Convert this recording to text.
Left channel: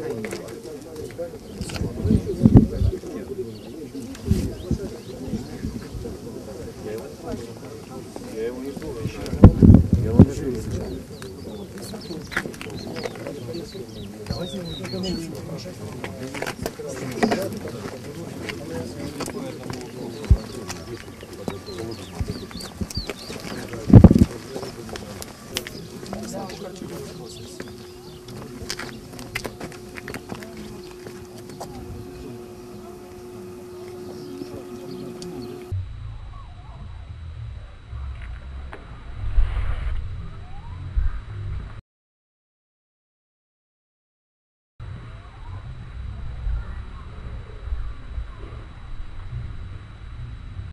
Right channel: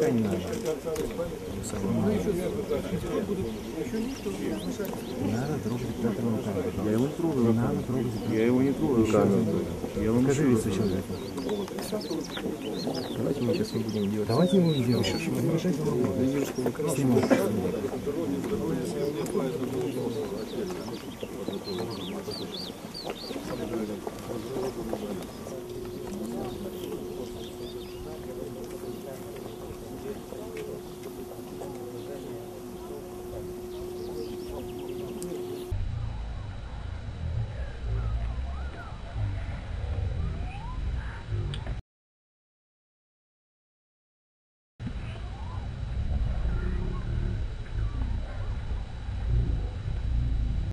пока не надо. Я его не трогаю, трогать. Я его не трогаю руками. Я вам говорю сейчас. Давайте мы сейчас не будем делать. Давайте не будем делать. Еще